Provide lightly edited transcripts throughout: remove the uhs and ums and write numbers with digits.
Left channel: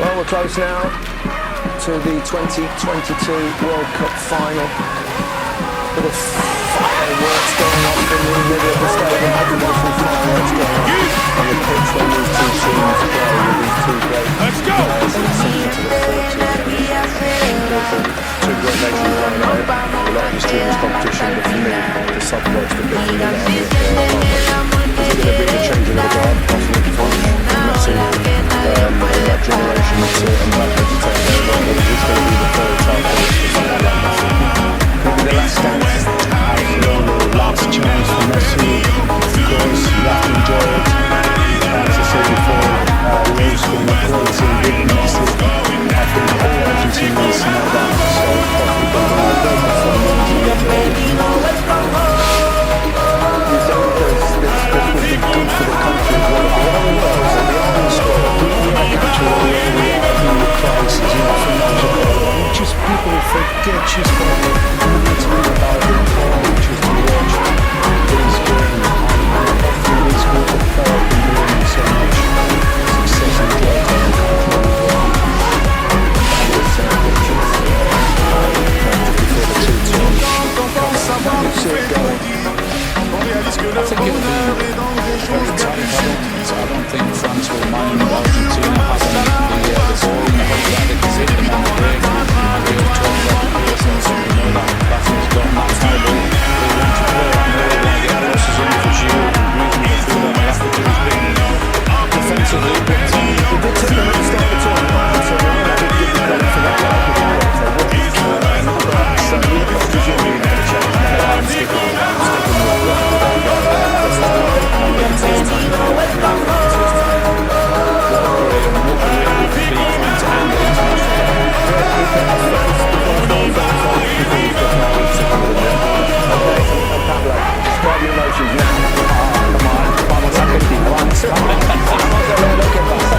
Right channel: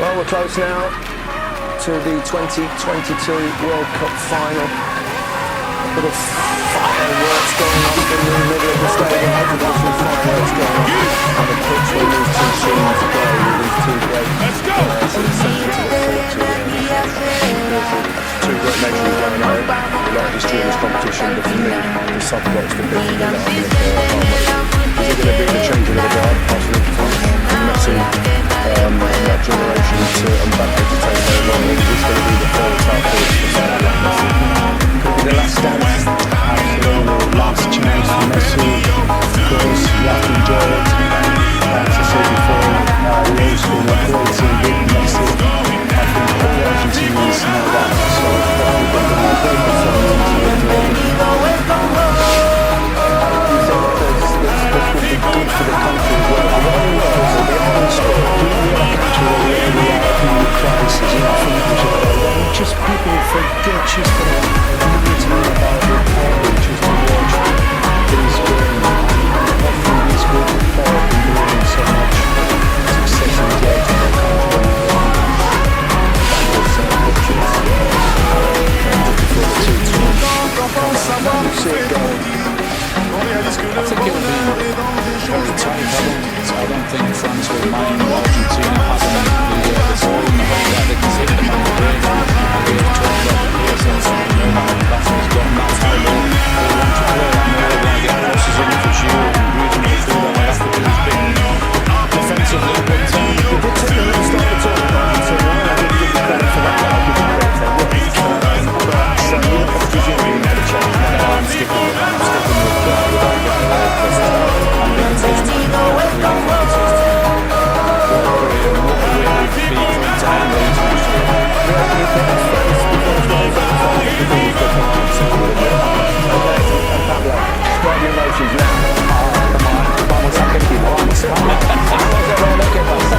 Well, we're close now to the 2022 World Cup final. Little fireworks going off in the middle of the stadium. I think there's some fireworks going off on the pitch when these two teams play with these two great players. It's something to look forward to. Two great nations running at it. A lot of history in this competition, but for me, the soccer box the bit for me that I'm going to play. I can't wait. Is it going to be the change of the guard, passing it from Messi and that generation to Mbappe to take over, or is this going to be the third time for someone like Messi? Could be the last dance. Absolutely, last chance for Messi. Of course, you have to enjoy it. As I said before, Wales been a great team with Messi. I think all Argentinians know that. So hopefully they're going to great performance and enjoy it. You think this would be good for the country as well? The whole world will be on the score. We are actually where we are in the crisis, financial crisis. Just people forget just for a minute about the party, just to watch these games. And hopefully this group of players can bring so much success and joy to our country and our own. And with some pictures. And just before the two teams come out, you see it going. I think it'll be very tight. I don't think France will mind Argentina having the ball in the hope that they can hit them on the break. And we'll talk about the PSL, so we know that Mbappé's got, and that's how they want to play. I know they want to get crosses in for Giroud and Griezmann to do that. They have to do his big defensively, but they did take them at the start of the tournament, Argentina, and I did give you credit for that. I'll give you credit for what you've done. But presumably you had a chance. no, I'm sticking with that. I'm sticking with that guy there. I think it's his time. I really think it's his time. What a career and what a win would be for him to end the international level. You think that's France before the final before you've got to consider with him, yeah? Okay, and Pablo, describe your emotions now. Come on, vamos Argentina, vamos. Vamos a ver lo que pasa.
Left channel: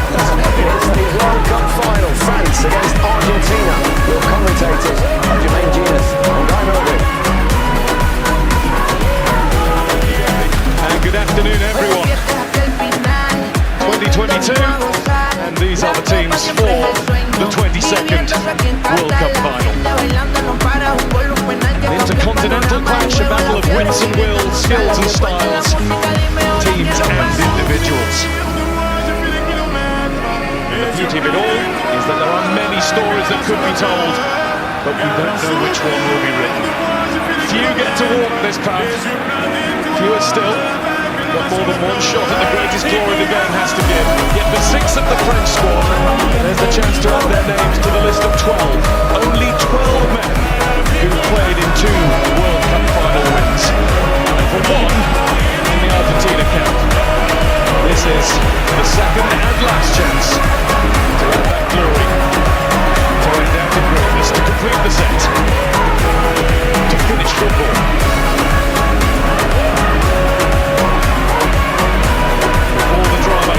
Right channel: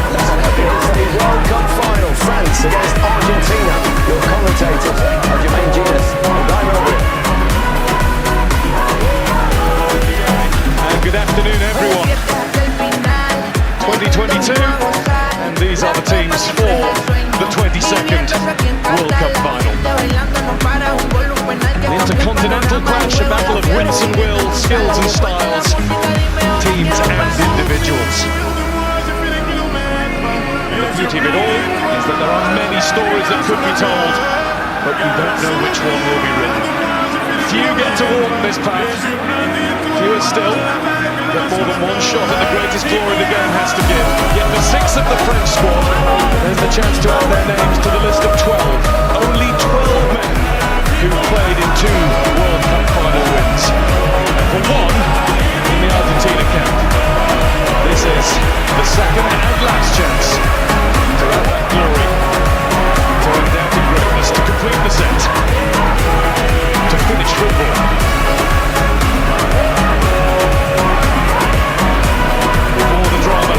It's the World Cup final, France against Argentina. Your commentators are Jermaine Ginas and Guy Mowbray. And good afternoon, everyone. 2022, and these are the teams for the 22nd World Cup final. An intercontinental clash, a battle of wits and wills, skills and styles, teams and individuals. And the beauty of it all is that there are many stories that could be told, but we don't know which one will be written. Few get to walk this path, fewer still. But more than one shot at the greatest glory the game has to give. Yet for 6 of the French squad, there's the chance to add their names to the list of 12. Only 12 men who played in 2 World Cup final wins. And for one in the Argentina camp. This is the second and last chance to add that glory, to undoubted greatness, to complete the set, to finish football. The drama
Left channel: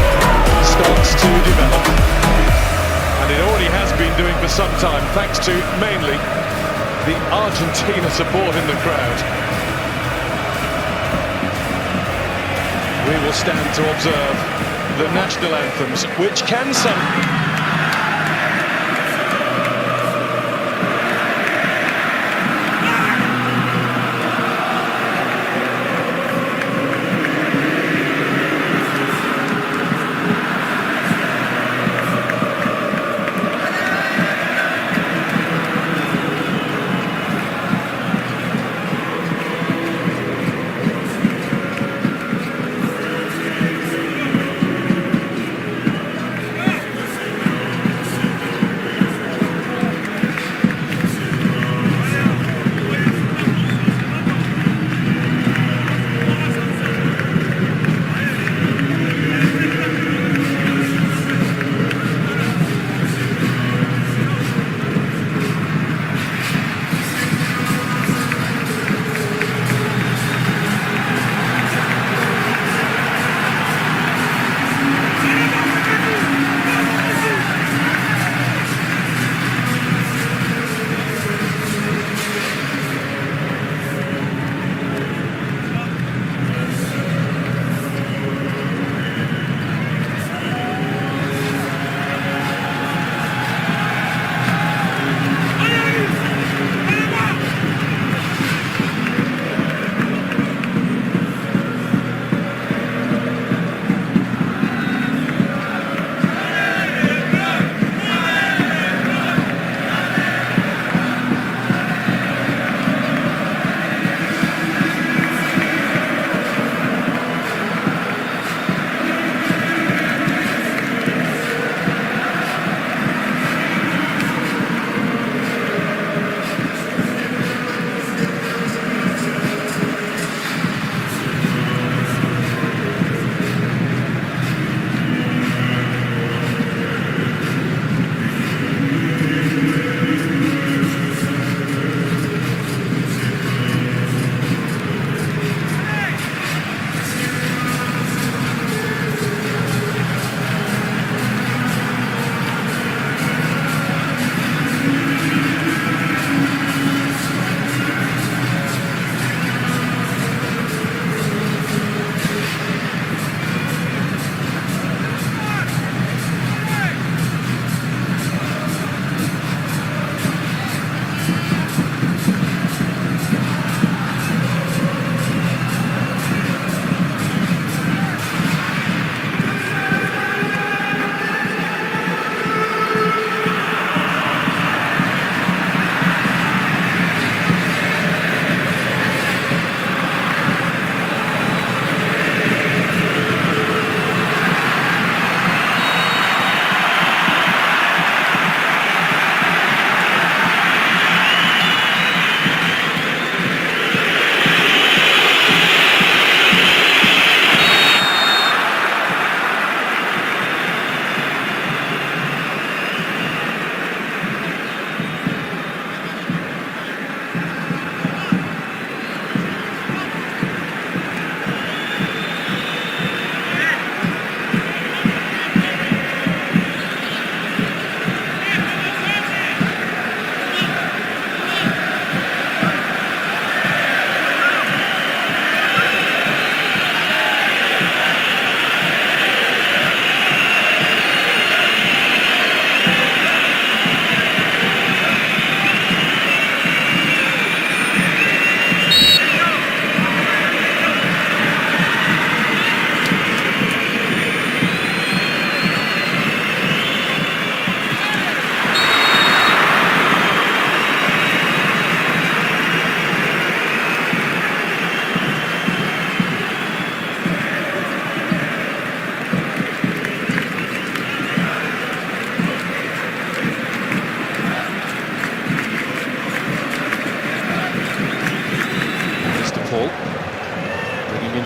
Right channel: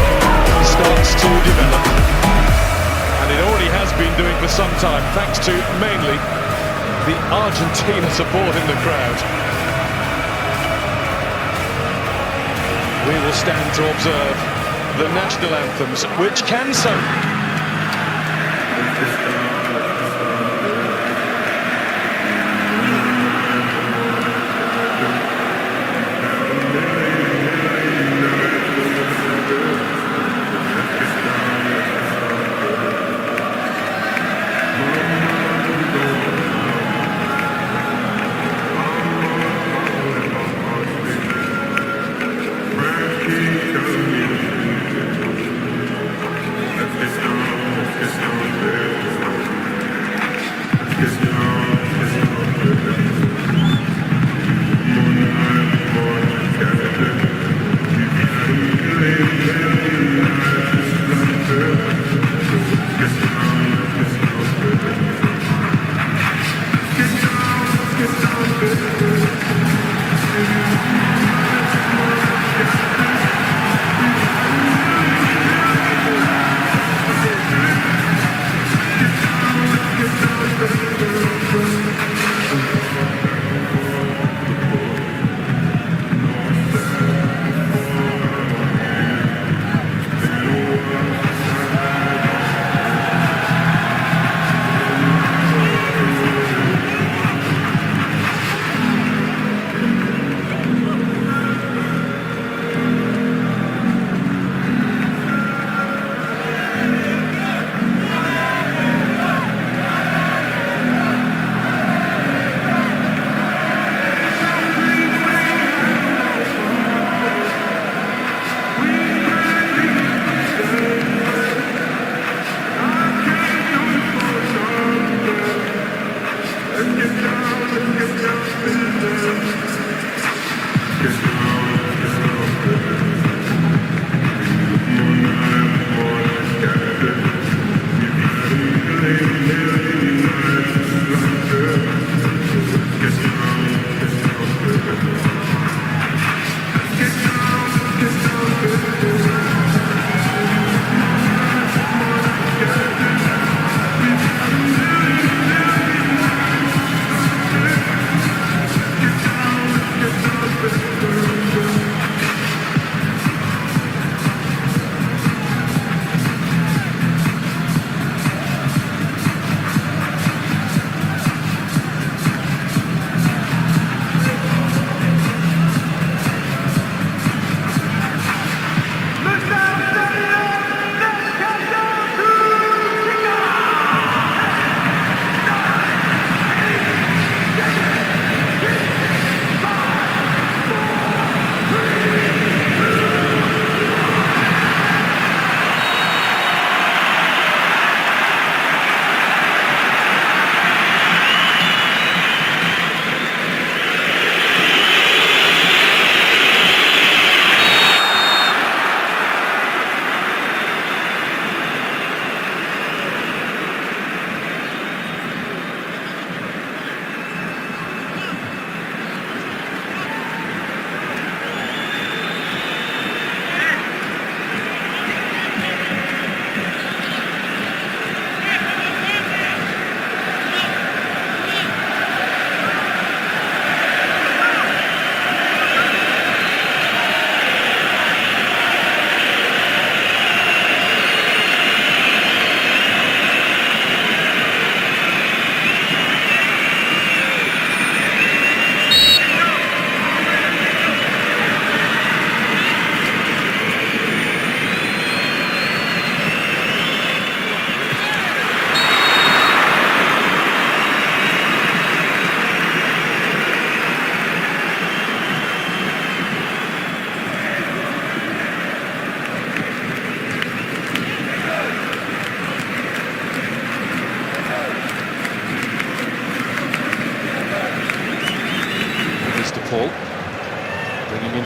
starts to develop, and it already has been doing for some time, thanks to mainly the Argentina support in the crowd. We will stand to observe the national anthems, which can some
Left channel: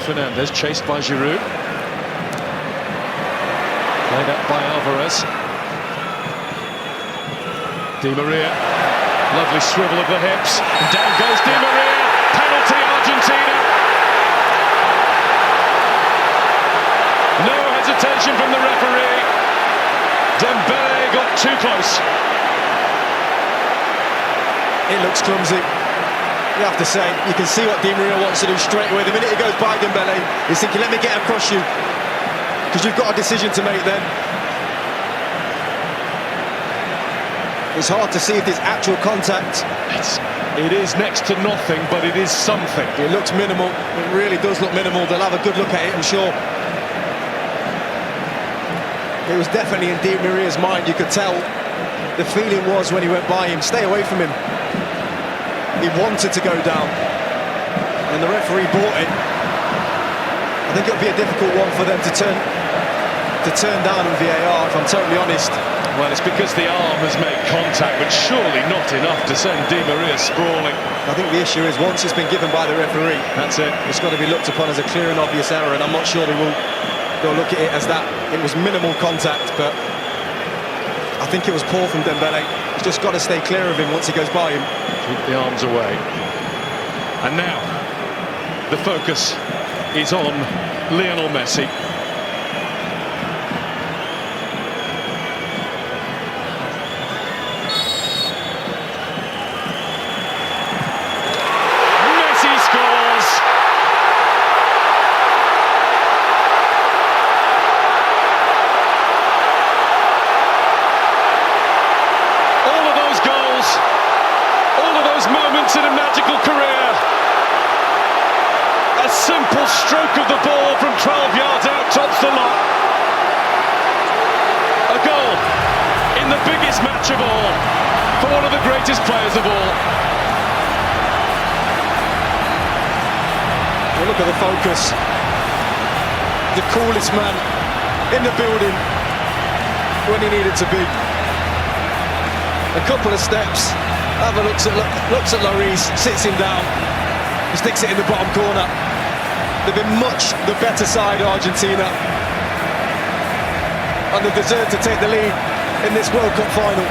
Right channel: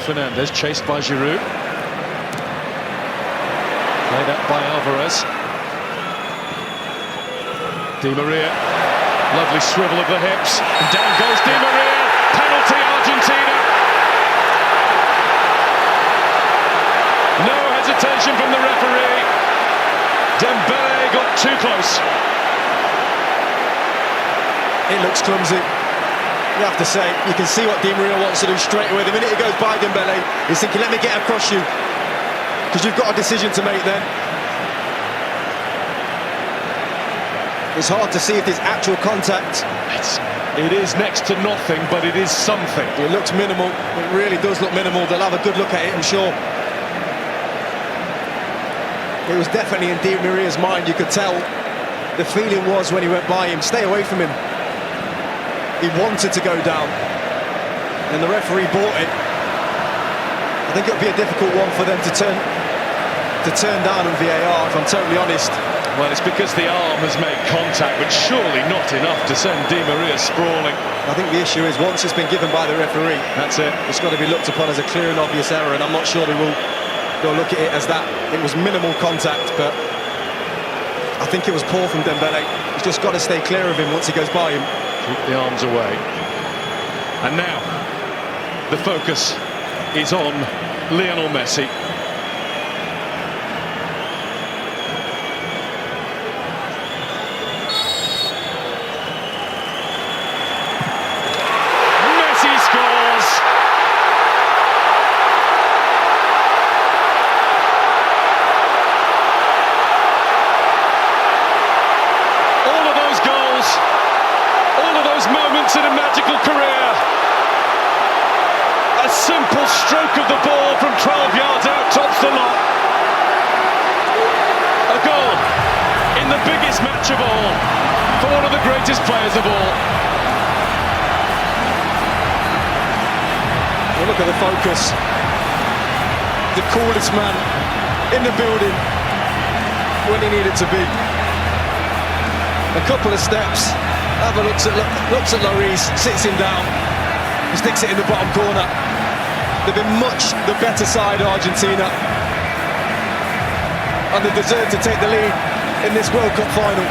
Fernandez, chased by Giroud. Played up by Alvarez. Di Maria, lovely swivel of the hips, and down goes Di Maria. Penalty, Argentina. No hesitation from the referee. Dembele got too close. It looks clumsy. You have to say, you can see what Di Maria wants to do straight away. The minute he goes by Dembele, he's thinking, let me get across you, because you've got a decision to make then. It's hard to see if there's actual contact. It is next to nothing, but it is something. It looks minimal. It really does look minimal. They'll have a good look at it, I'm sure. It was definitely in Di Maria's mind. You could tell the feeling was when he went by him, stay away from him. He wanted to go down, and the referee bought it. I think it would be a difficult one for them to turn down on VAR, if I'm totally honest. Well, it's because the arm has made contact, but surely not enough to send Di Maria sprawling. I think the issue is, once it's been given by the referee, that's it. It's got to be looked upon as a clear and obvious error, and I'm not sure they'll look at it as that. It was minimal contact, but I think it was poor from Dembele. He's just got to stay clear of him once he goes by him. Keep the arms away. And now, the focus is on Lionel Messi. Messi scores! All of those goals, all of those moments in a magical career. A simple stroke of the ball from 12 yards out tops the lot. A goal in the biggest match of all for one of the greatest players of all. Well, look at the focus. The coolest man in the building when he needed to be. A couple of steps. Have a looks at Lloris, sits him down, he sticks it in the bottom corner. They've been much the better side, Argentina, and they deserve to take the lead in this World Cup final.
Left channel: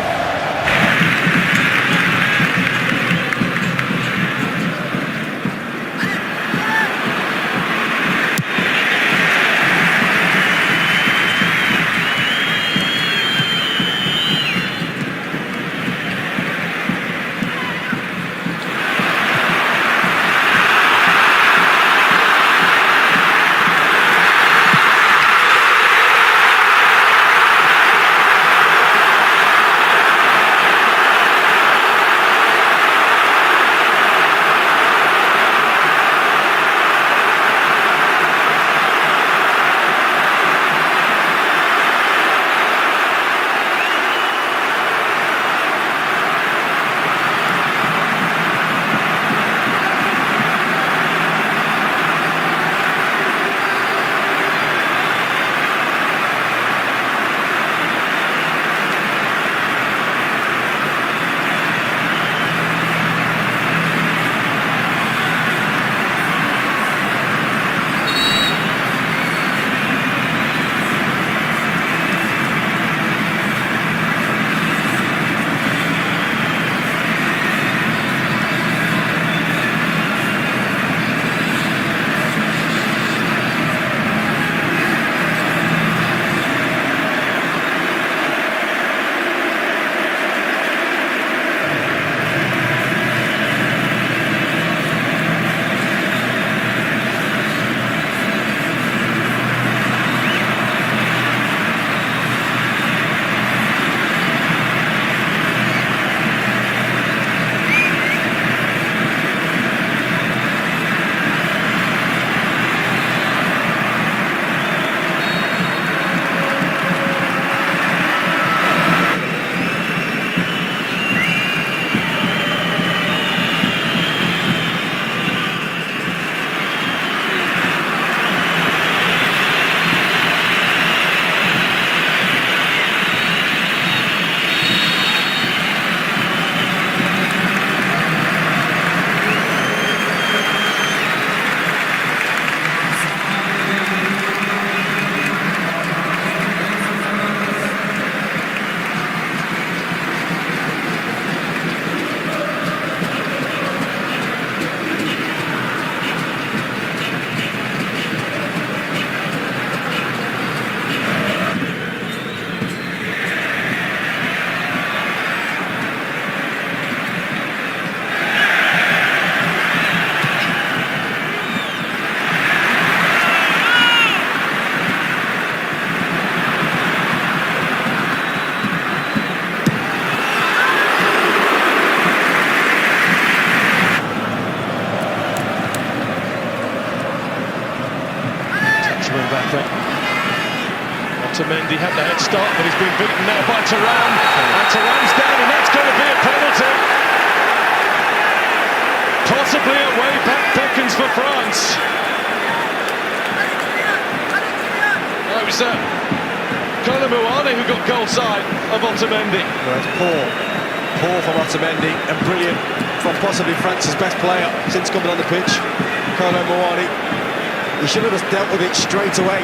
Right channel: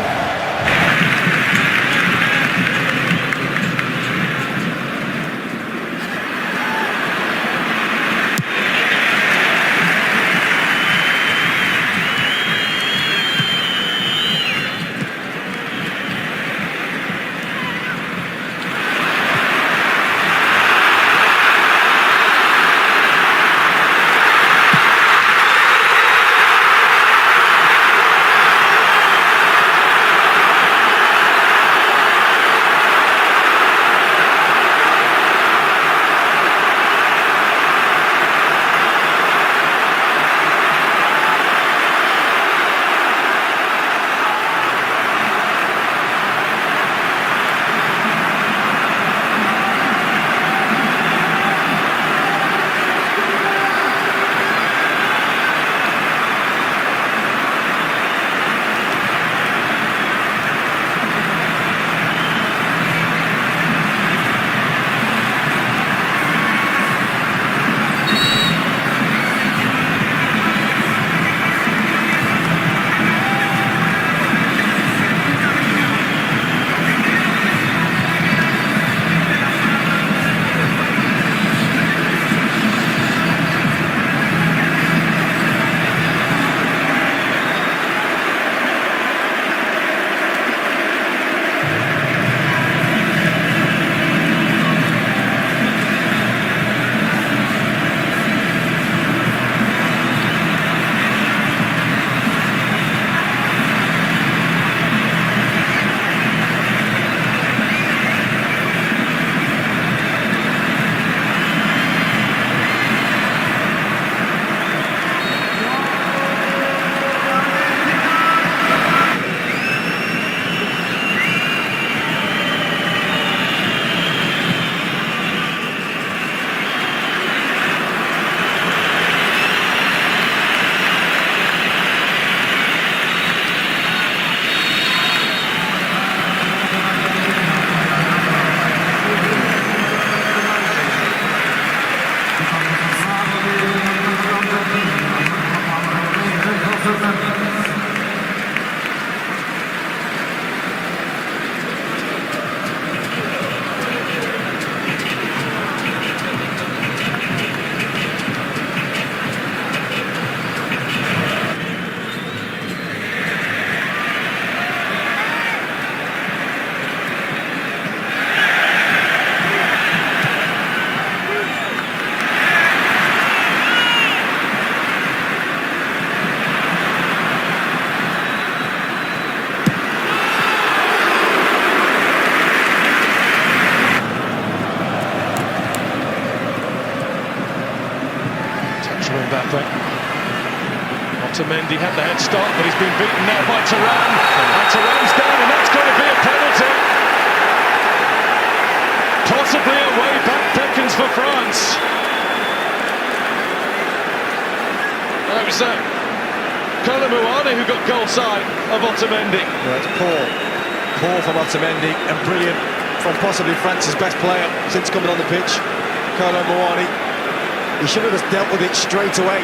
Otamendi had the head start, but he's been beaten now by Thuram. And Thuram's down, and that's going to be a penalty. Possibly a way back beckons for France. Oh, it was Kolo Muani who got goal side of Otamendi. Well, it's poor from Otamendi, and brilliant from possibly France's best player since coming on the pitch, Kolo Muani. He should have just dealt with it straight away.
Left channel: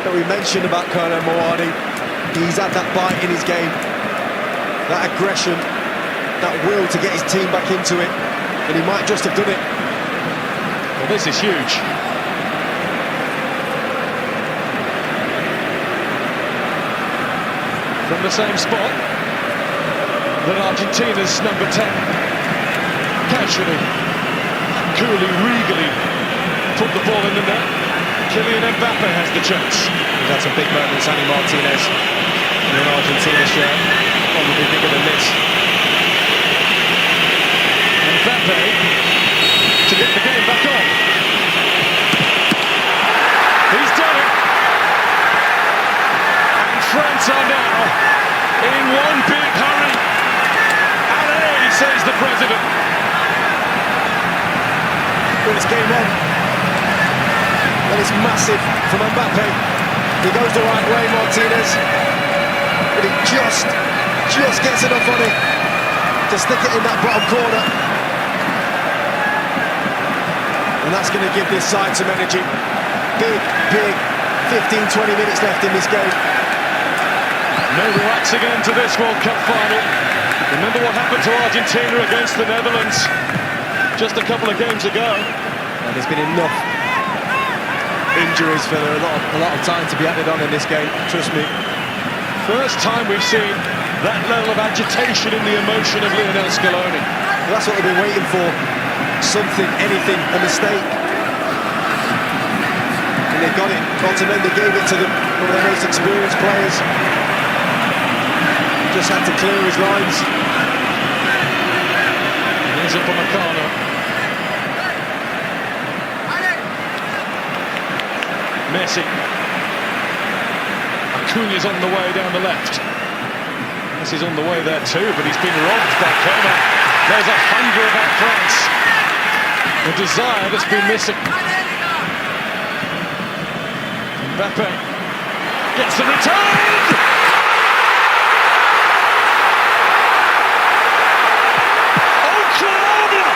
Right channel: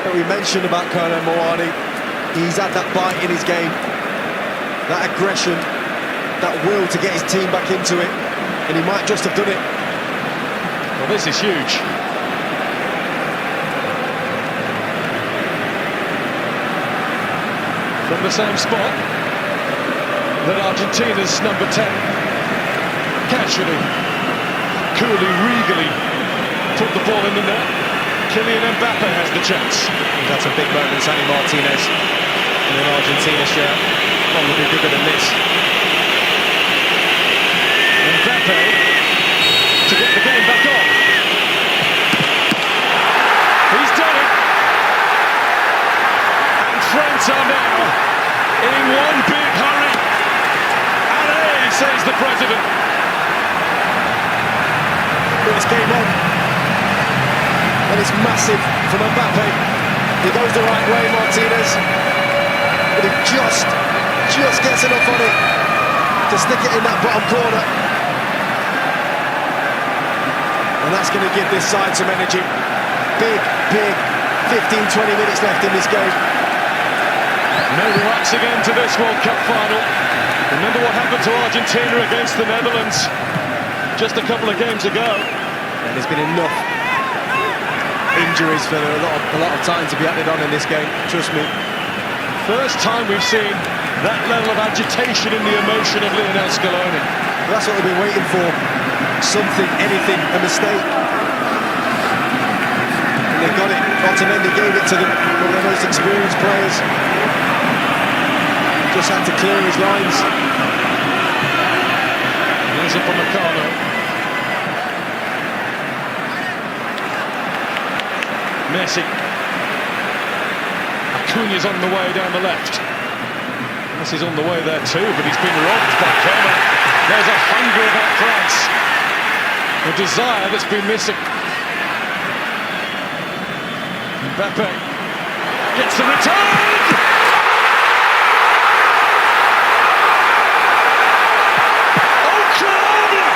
But we mentioned about Kolo Muani. He's had that bite in his game, that aggression, that will to get his team back into it, and he might just have done it. Well, this is huge. From the same spot that Argentina's number 10 casually, coolly, regally put the ball in the net. Kylian Mbappe has the chance. He's had some big moments, Andy Martinez, in an Argentina shirt, probably bigger than this. Mbappe to get the game back on. He's done it. And France are now in one big hurry. Allez, says the president. But it's game on. And it's massive from Mbappe. He goes the right way, Martinez. But he just gets enough on it to stick it in that bottom corner. And that's going to give this side some energy. Big 15-20 minutes left in this game. No relaxing end to this World Cup final. Remember what happened to Argentina against the Netherlands just a couple of games ago. And there's been enough injuries for a lot of time to be added on in this game, trust me. First time we've seen that level of agitation in the emotion of Lionel Scaloni. Well, that's what they've been waiting for. Something, anything, a mistake. And they got it. Otamendi gave it to them, one of their most experienced players. Just had to clear his lines. Here's up on Meccano. Messi. Acuña's on the way down the left. Messi's on the way there too, but he's been robbed by Coman. There's a hunger about France. A desire that's been missing. Mbappe gets the return! Oh, Colombia!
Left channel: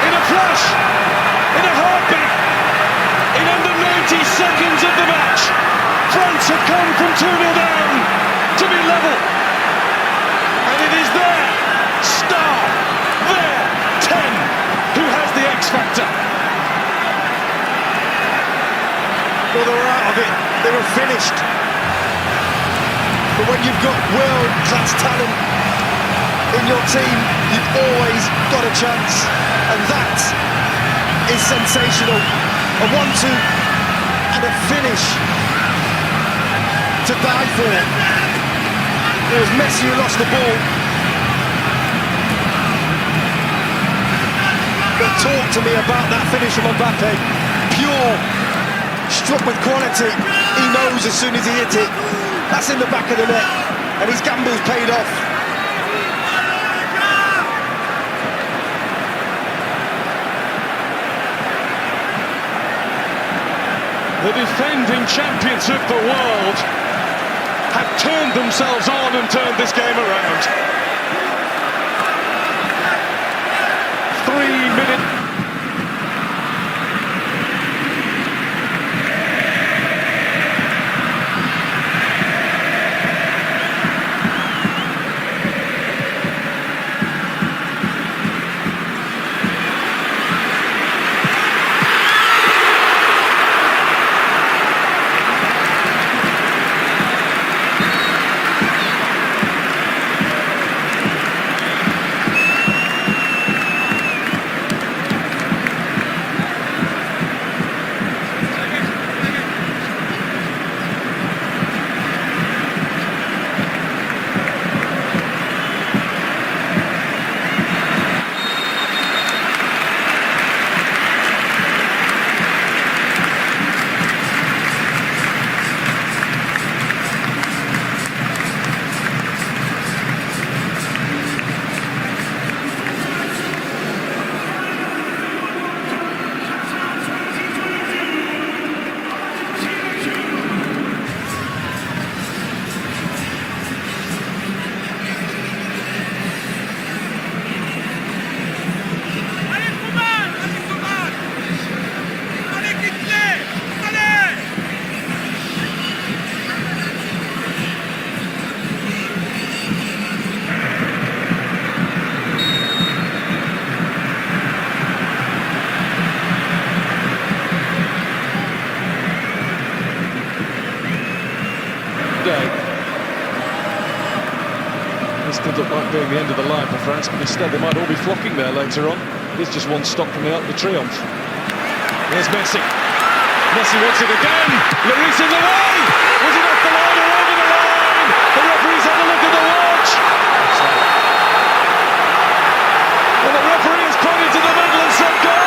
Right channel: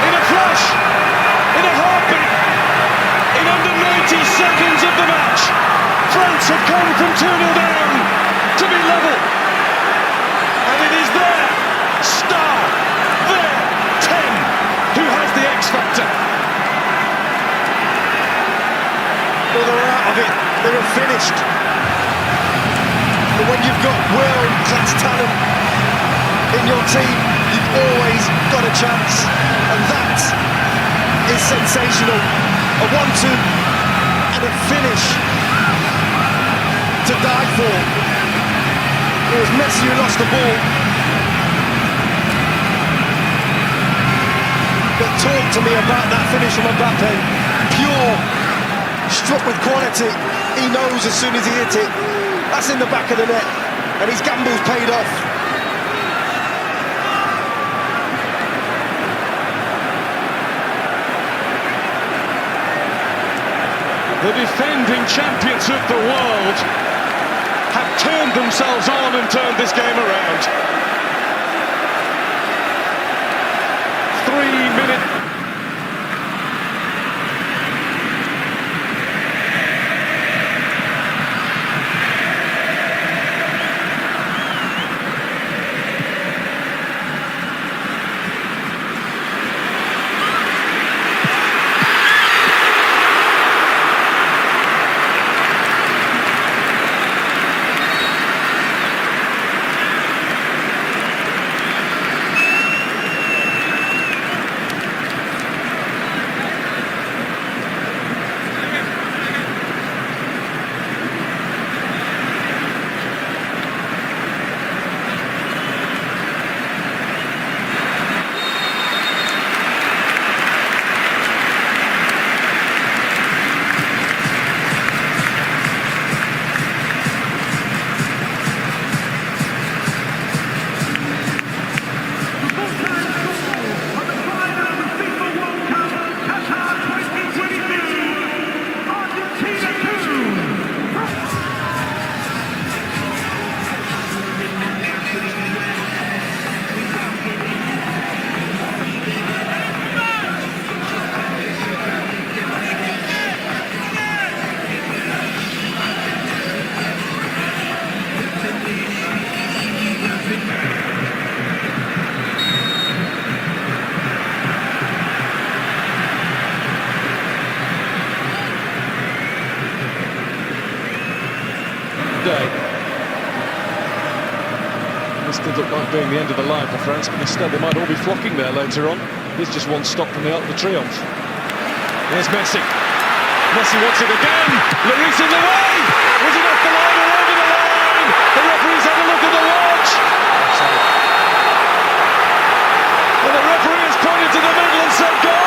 In a flash, in a heartbeat, in under 90 seconds of the match, France have come from 2-0 down to be level. And it is their star, their 10, who has the X factor. Well, they were out of it. They were finished. But when you've got world-class talent in your team, you've always got a chance. And that is sensational. A 1-2 and a finish to die for. It was Messi who lost the ball. But talk to me about that finish from Mbappe. Pure, struck with quality. He knows as soon as he hit it, that's in the back of the net. And his gamble's paid off. The defending champions of the world have turned themselves on and turned this game around. 3 minutes. This did look like being the end of the line for France, but instead they might all be flocking there later on. Here's just one stop from the Arc de Triomphe. There's Messi. Messi wants it again. Lloris in the way. Was it off the line or over the line? The referee's had a look at the watch. And the referee has pointed to the middle and said goal.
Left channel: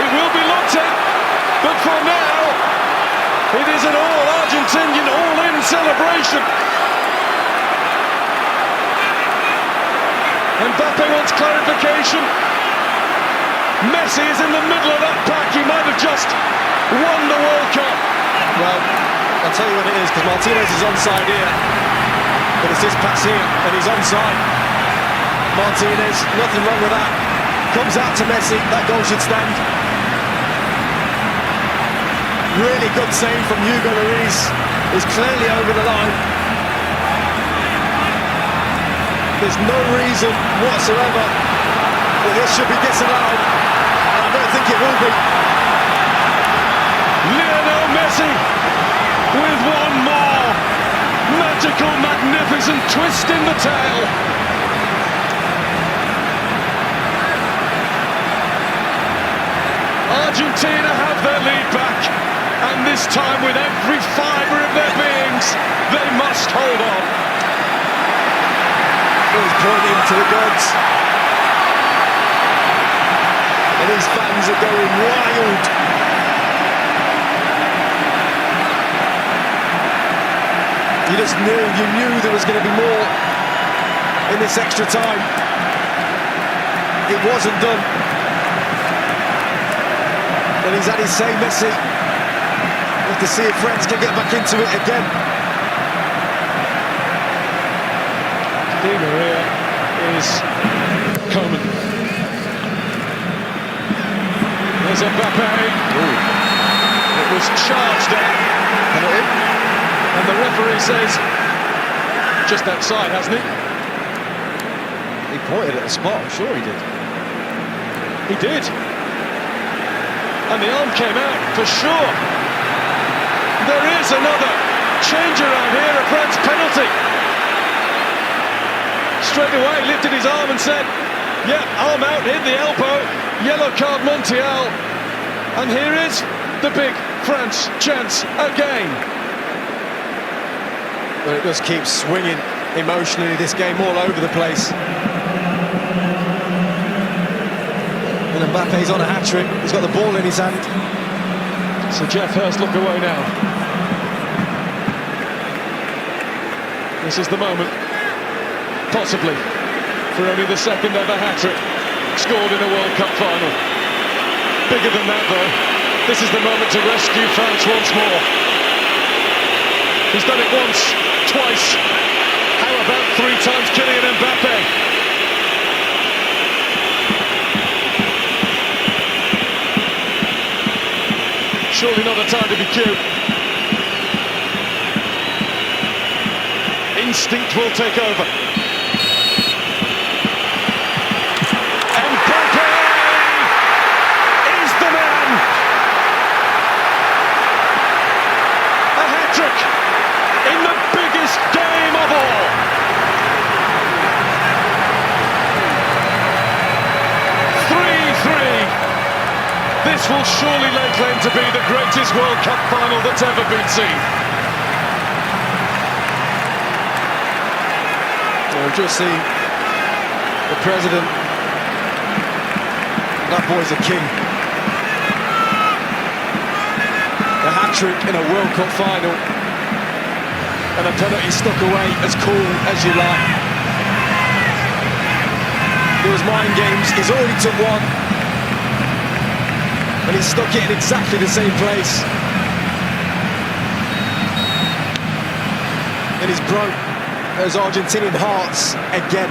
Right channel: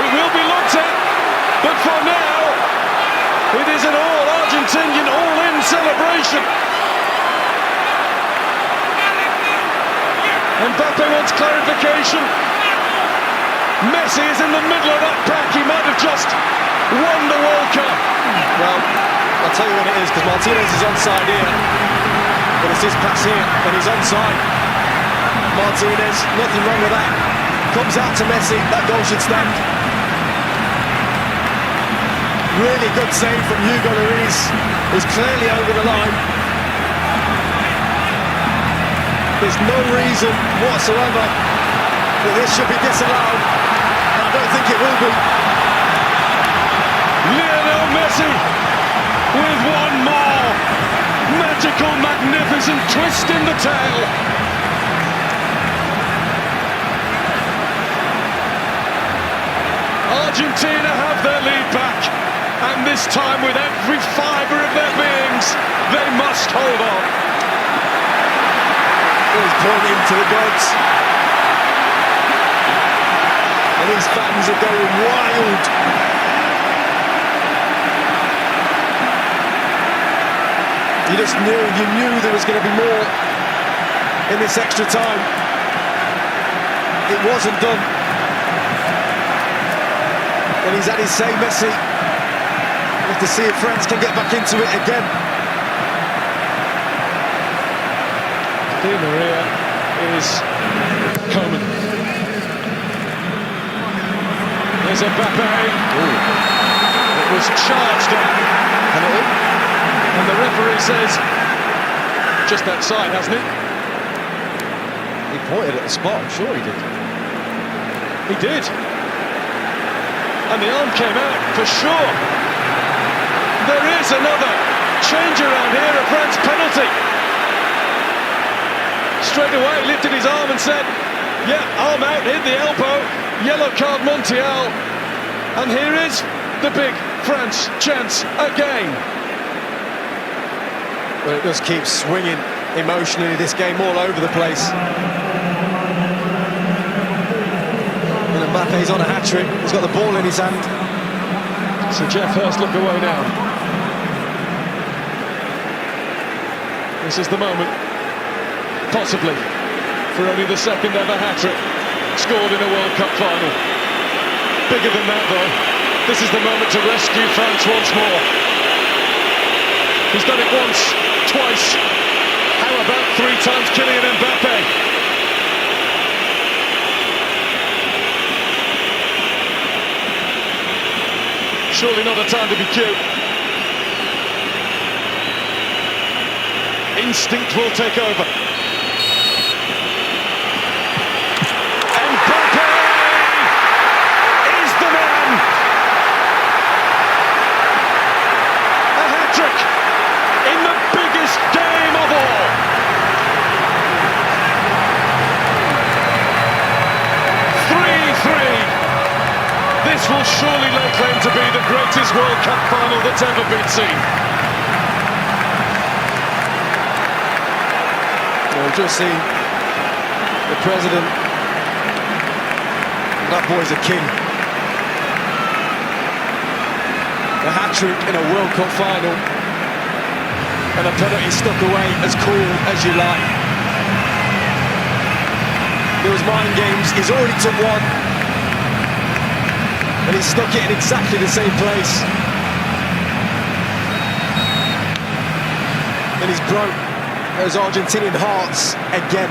It will be looked at, but for now, it is an all-Argentinian, all-in celebration. Mbappe wants clarification. Messi is in the middle of that pack. He might have just won the World Cup. Well, I'll tell you what it is, because Martinez is onside here. But it's his pass here, and he's onside. Martinez, nothing wrong with that. Comes out to Messi, that goal should stand. Really good save from Hugo Lloris. Is clearly over the line. There's no reason whatsoever that this should be disallowed. And I don't think it will be. Lionel Messi with one more magical, magnificent twist in the tail. Argentina have their lead back, and this time with every fibre of their beings, they must hold on. He's pointing to the gods. And these fans are going wild. You knew there was going to be more in this extra time. It wasn't done. And he's had his say, Messi. We'll have to see if France can get back into it again. Di Maria is Coman. There's Mbappe. It was charged at. Penalty. And the referee says, just outside, hasn't he? He pointed at the spot, I'm sure he did. He did. And the arm came out, for sure. There is another change around here, a France penalty. Straight away lifted his arm and said, yeah, arm out, hit the elbow, yellow card Montiel. And here is the big France chance again. But it just keeps swinging emotionally, this game all over the place. And Mbappe's on a hat-trick, he's got the ball in his hand. So Jeff Hurst look away now. This is the moment, possibly, for only the second ever hat-trick scored in a World Cup final. Bigger than that though, this is the moment to rescue France once more. He's done it once, twice. How about 3 times Kylian Mbappe? Surely not a time to be cute. Instinct will take over. Mbappe is the man. A hat-trick in the biggest game of all. This will surely lay claim to be the greatest World Cup final that's ever been seen. We've just seen the president. That boy's a king. A hat-trick in a World Cup final. And a penalty stuck away as cool as you like. There was mind games, he's already took one. And he stuck it in exactly the same place. And he's broke those Argentinian hearts again.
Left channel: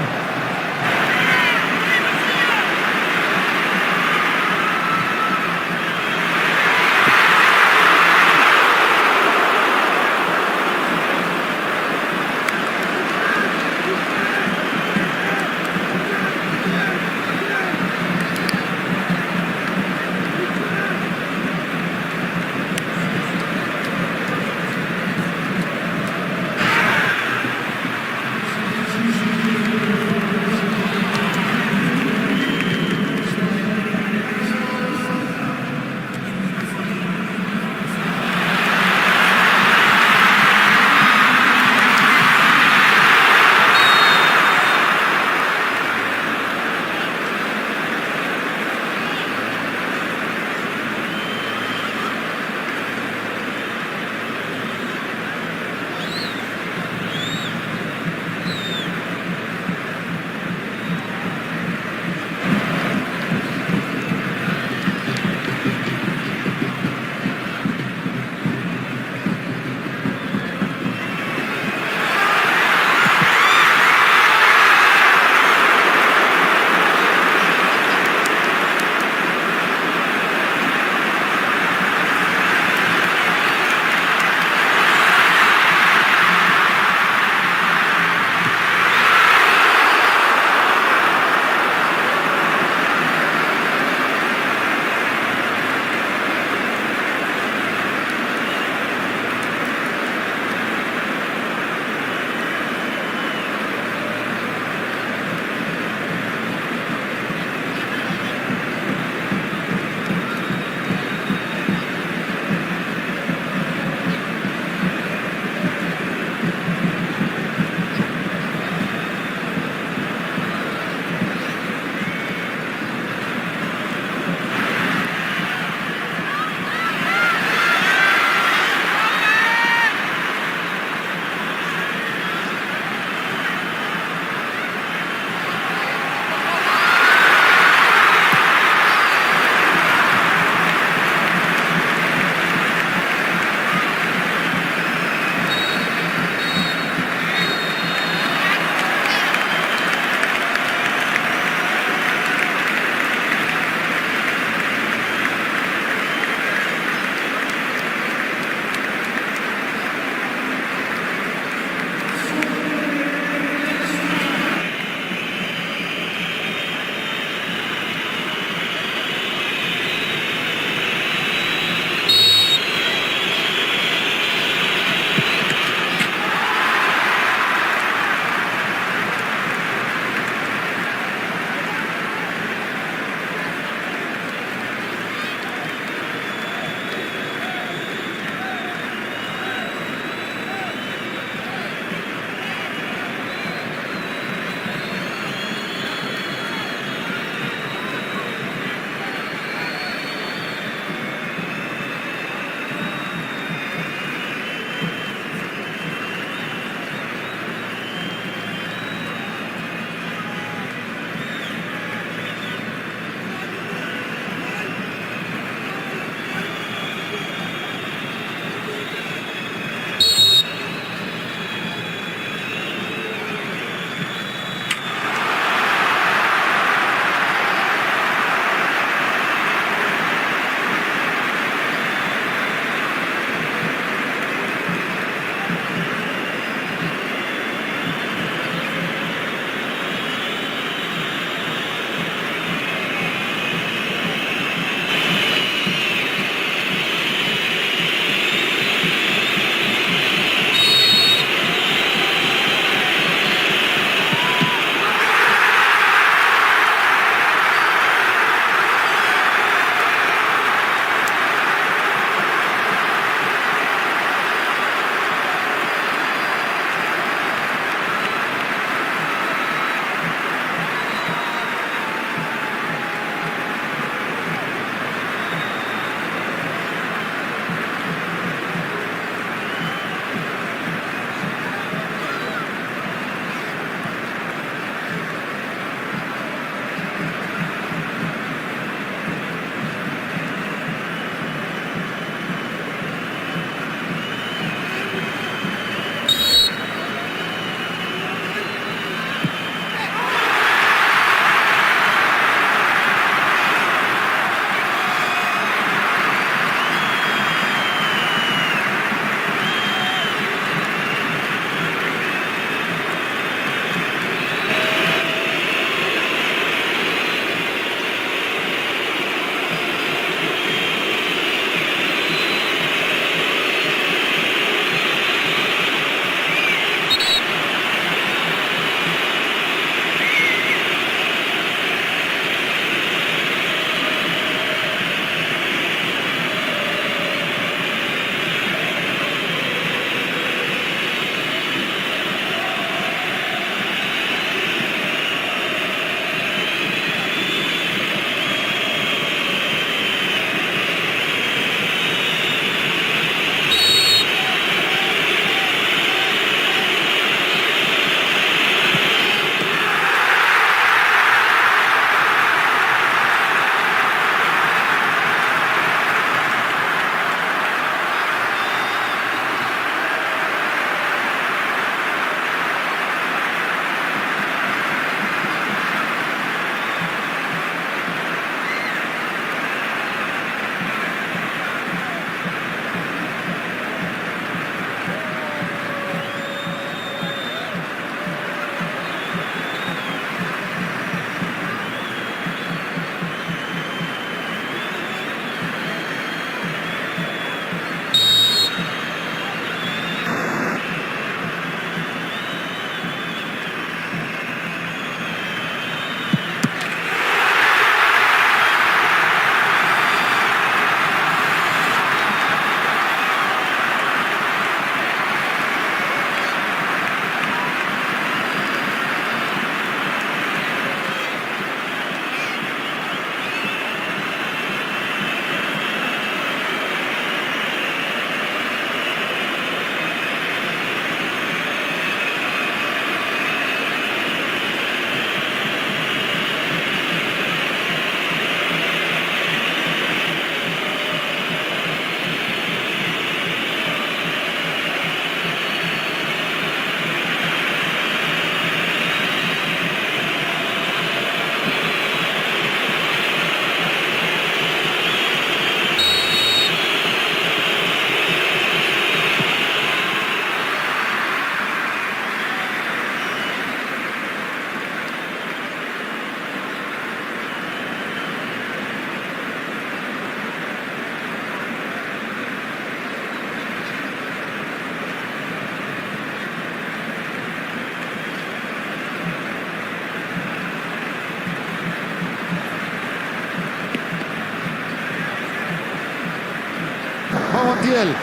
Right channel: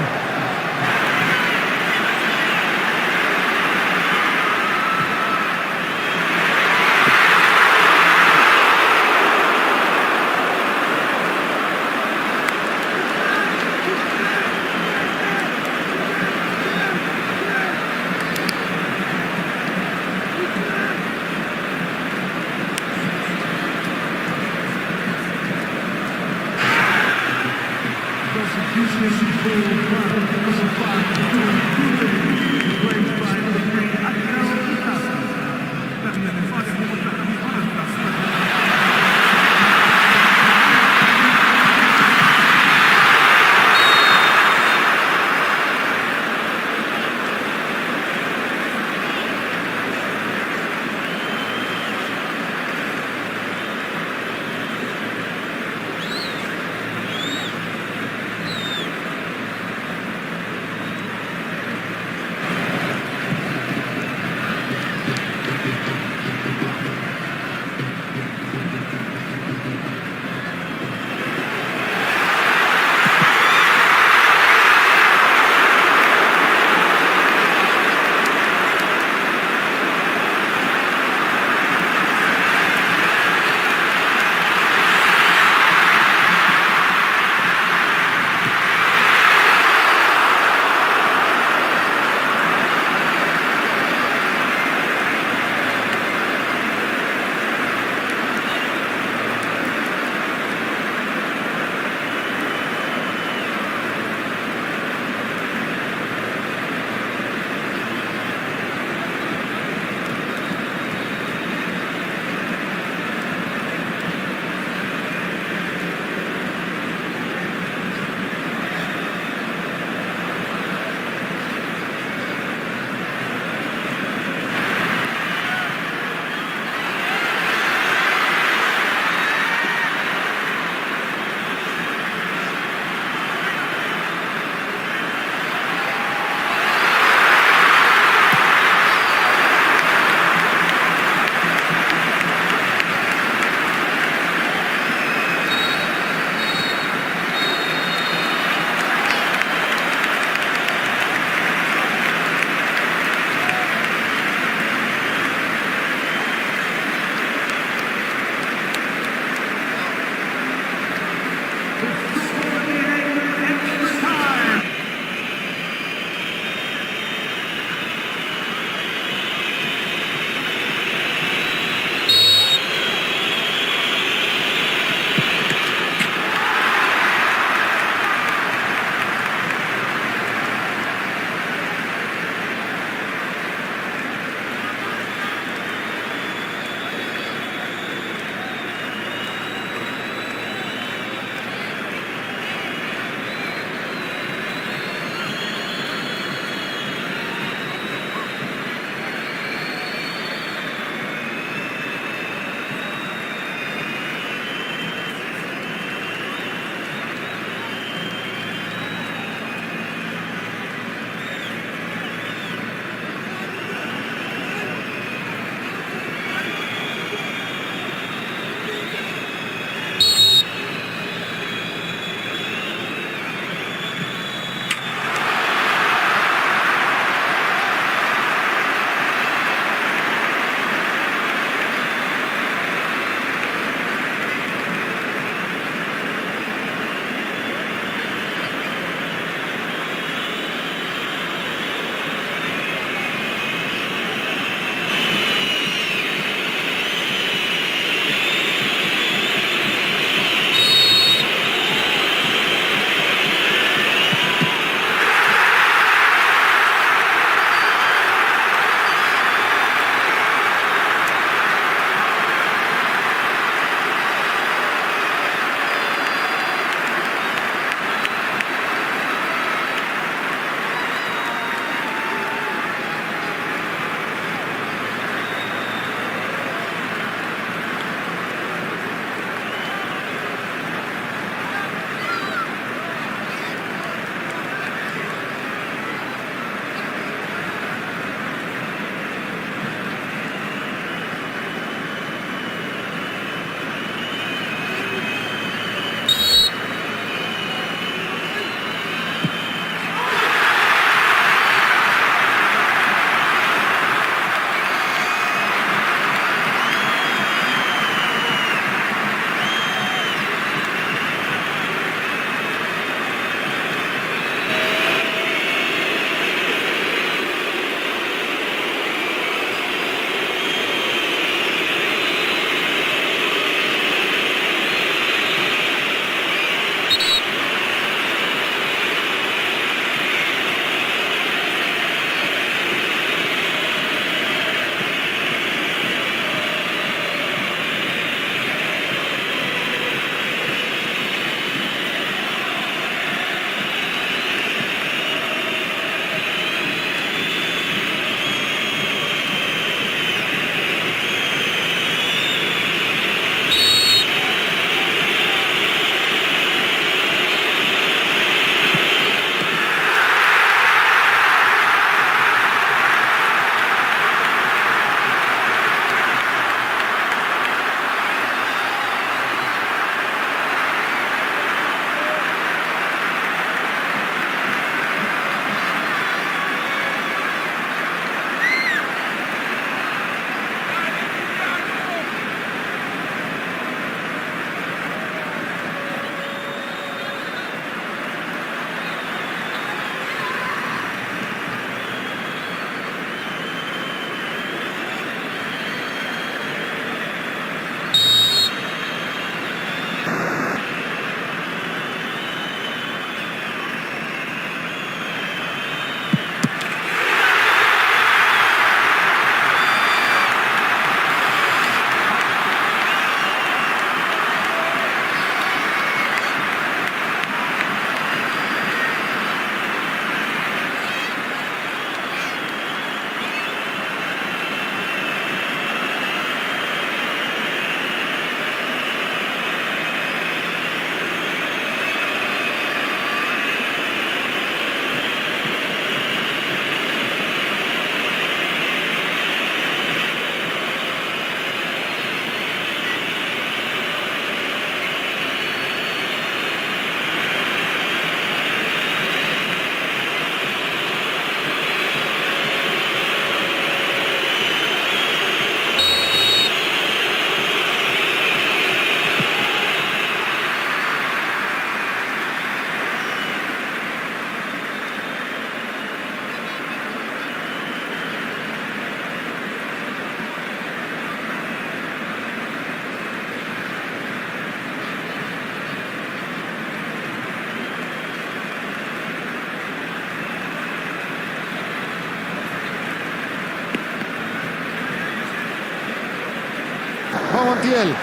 Montiel.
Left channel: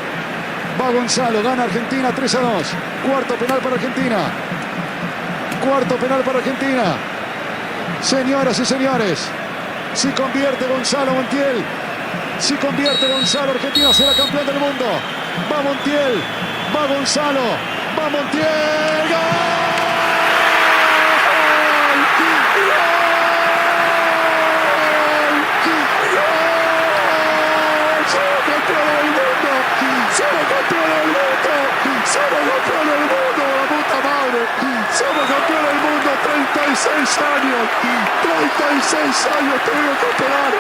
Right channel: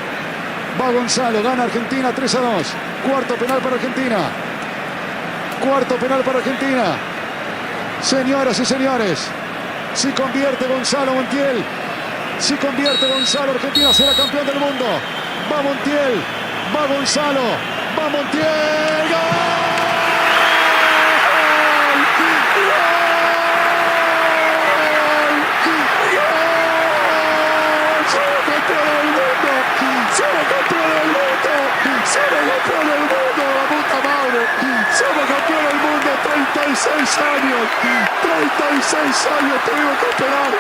Va Gonzalo, gana Argentina 3-2. Cuarto penal para Argentina. Cuarto penal para Argentina. Señoras y señores, si convierte Gonzalo Montiel, si convierte Gonzalo, Argentina será campeón del mundo. Va Montiel, va Gonzalo, va Montiel. ¡Gol! ¡Somos campeones del mundo! ¡Somos campeones del mundo! ¡La puta madre! ¡Somos campeones del mundo! 36 años. 36 años tuvimos que esperar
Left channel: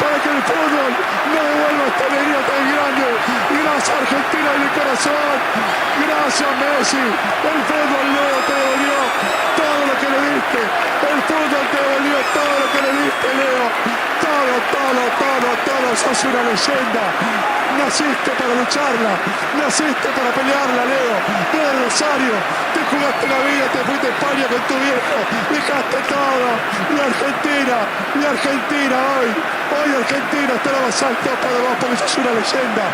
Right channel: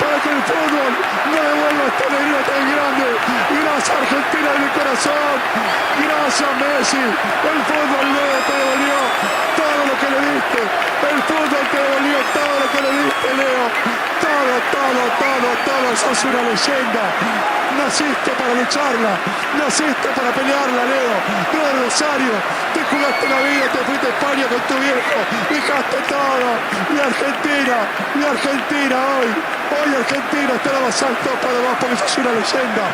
para que el fútbol no devuelva esta alegría tan grande. Gracias Argentina de mi corazón. Gracias Messi. El fútbol, Leo, te devolvió todo lo que le diste. El fútbol te devolvió todo lo que le diste, Leo. Todo. Sos una leyenda. Naciste para lucharla, naciste para pelearla, Leo. No de Rosario, te jugaste la vida, te fuiste a España con tu viejo, dejaste todo. Y Argentina hoy Argentina está lo más alto para vos porque sos una leyenda,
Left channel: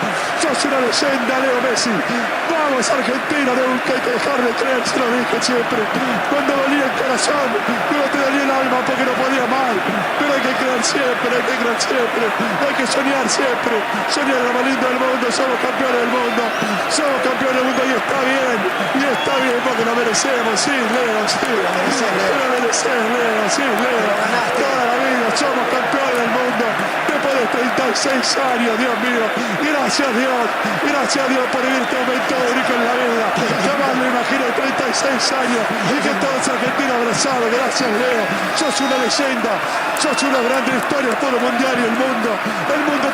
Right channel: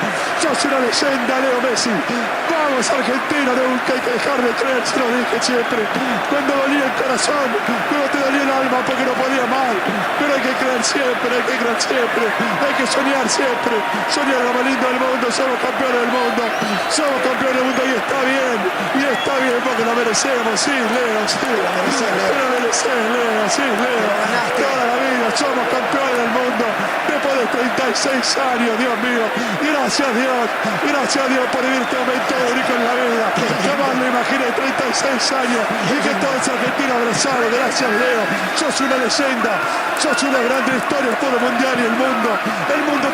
Leo Messi. Vamos Argentina, nunca hay que dejar de creer, se lo dije siempre. Cuando dolía el corazón, cuando te dolía el alma porque no podía más. Pero hay que creer siempre, hay que soñar siempre, soñar la más linda del mundo, somos campeones del mundo y está bien porque lo merecemos, sí, Leo, sí, lo mereces, Leo, sí, Leo, toda la vida somos campeones del mundo, después de 36 años, Dios mío, gracias a Dios por vivir este momento único en la vida, jamás me imaginé 36 años y que todos argentinos abrazados, gracias Leo, sos una leyenda, sos una grande historia del fútbol mundial y el mundo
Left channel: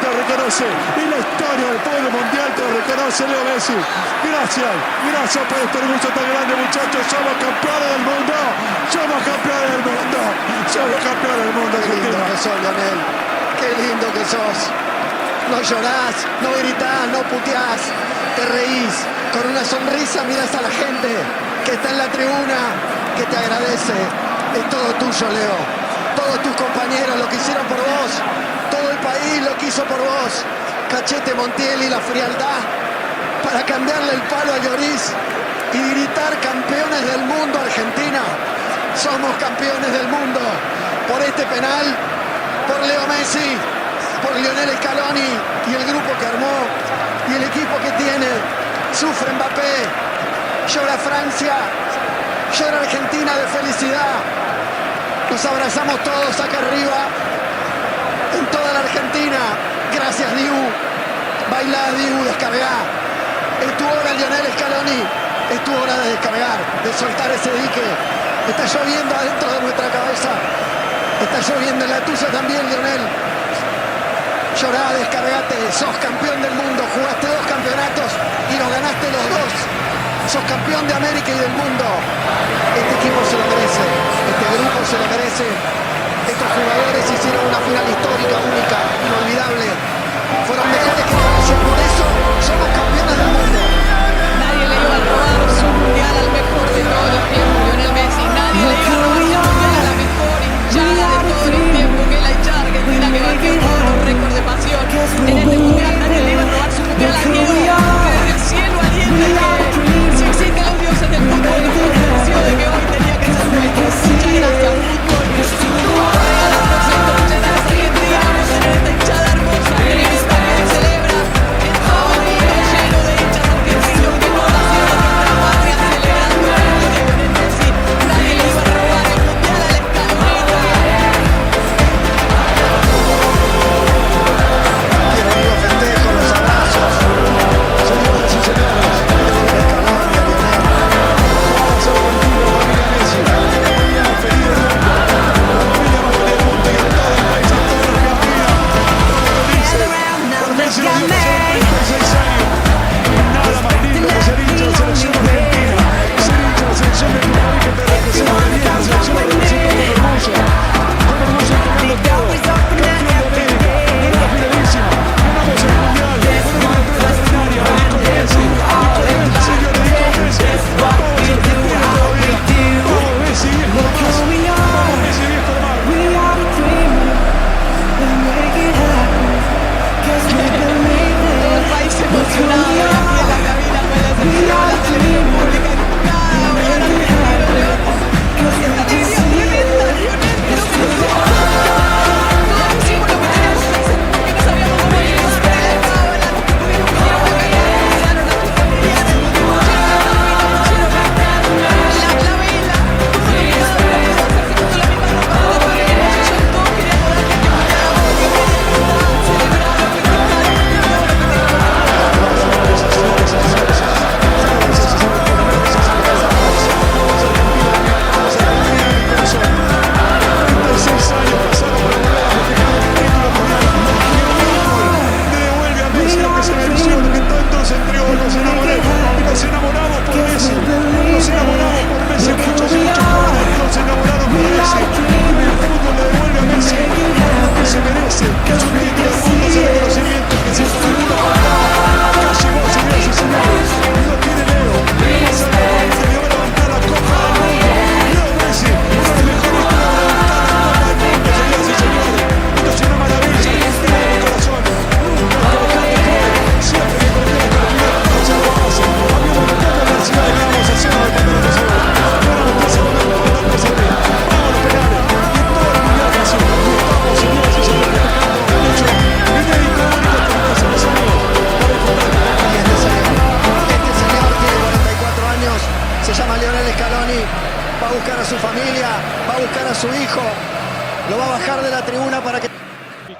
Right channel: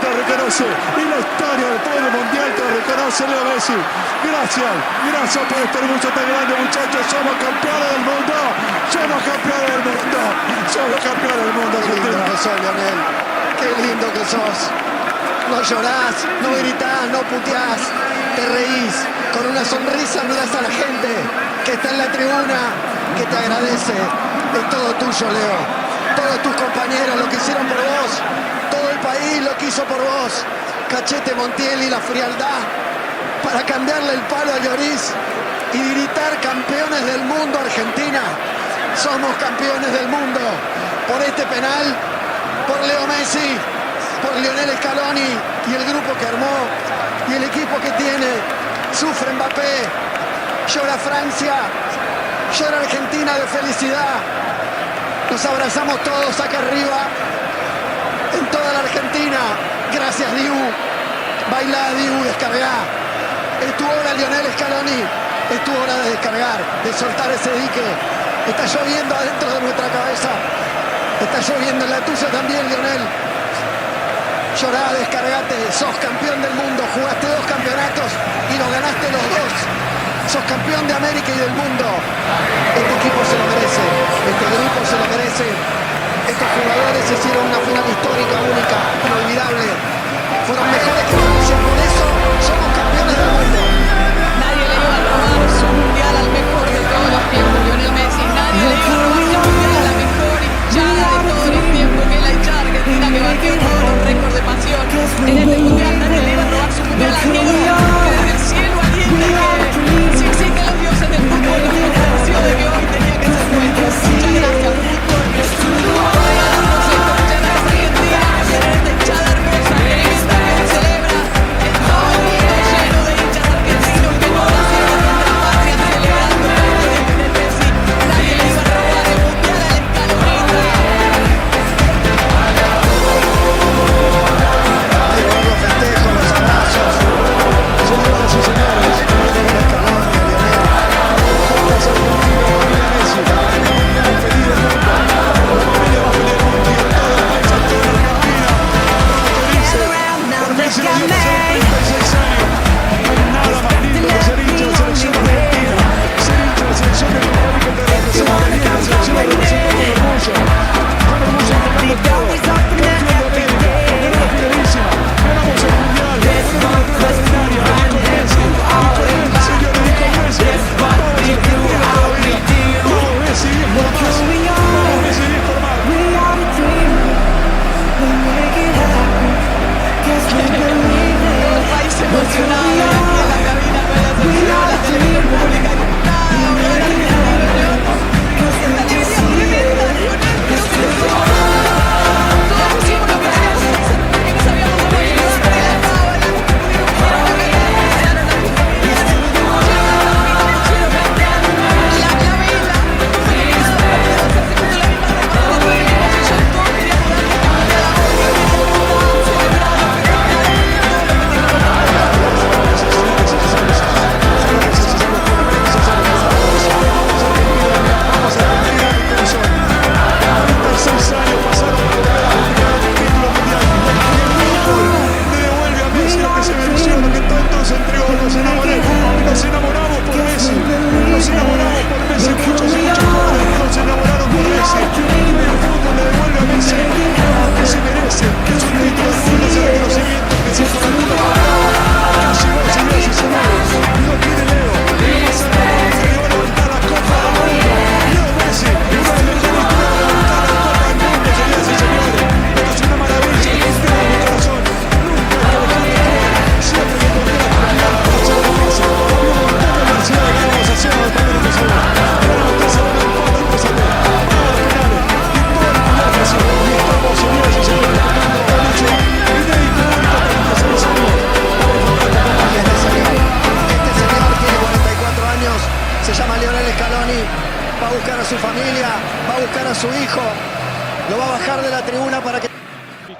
te reconoce y la historia del fútbol mundial te reconoce, Leo Messi, gracias por este orgullo tan grande, muchachos, somos campeones del mundo, Argentina. Qué lindo que sos, Lionel, qué lindo que sos, no llorás, no gritás, no puteás, te reís, con una sonrisa mirás a la gente que está en la tribuna, que te agradece, es todo tuyo, Leo, todos tus compañeros lo que hicieron por vos, todo el país lo que hizo por vos, Cachete Montiel y la frialdad para cambiarle el palo a Lloris y gritar campeones del mundo Argentina, somos campeones del mundo, por este penal, por Leo Messi, por Lionel Scaloni y el grupo que armó y el equipo que tiene, sufre Mbappé, llora Francia, llora Argentina de felicidad, nos abrazamos todos acá arriba, en toda la Argentina, gracias Diu, bailá Diu, descargá, es tu hora Lionel Scaloni, es tu hora de descargar, de soltar ese dique, está lloviendo adentro de nuestra cabeza, está lloviendo en la tuya también Lionel, llorá, descargate, sos campeón del mundo, jugaste 2 campeonatos y nos ganaste los 2, sos campeón de América y del mundo, este equipo se lo merece, este grupo se lo merece, estos jugadores hicieron una final histórica, única, inolvidable, fueron mejores que Francia, por eso somos campeones del mundo. Nadie le iba a robar su mundial al mejor de todos los tiempos, Lionel Messi. Nadie le iba a robar su mundial a la mejor hinchada de todos los tiempos, que es la hinchada argentina que batió todos los récords de pasión en este mundial. Nadie le iba a robar su mundial a Diego, que desde el cielo alienta y que si existen los dioses del fútbol nos convenció de que hoy tenía que ser nuestro. Muchas gracias, fútbol. Ahora regalarnos esto, muchas gracias Argentina por tener esta hinchada hermosa que en el estadio se celebra en todo el mundo lleno de hinchas argentinos que no nacieron en nuestra patria celebrando la victoria de Lionel Messi. Nadie le iba a robar el mundial a la escaloneta. Quiero ver los festejos, los abrazos, Señoras y señores, Lionel Scaloni, Lionel. vamos Argentina, familia Messi, muy bien, feliz Se llama Lionel Scaloni, va a buscar a su familia, va a buscar a su hijo, lo va a bajar de la tribuna para que...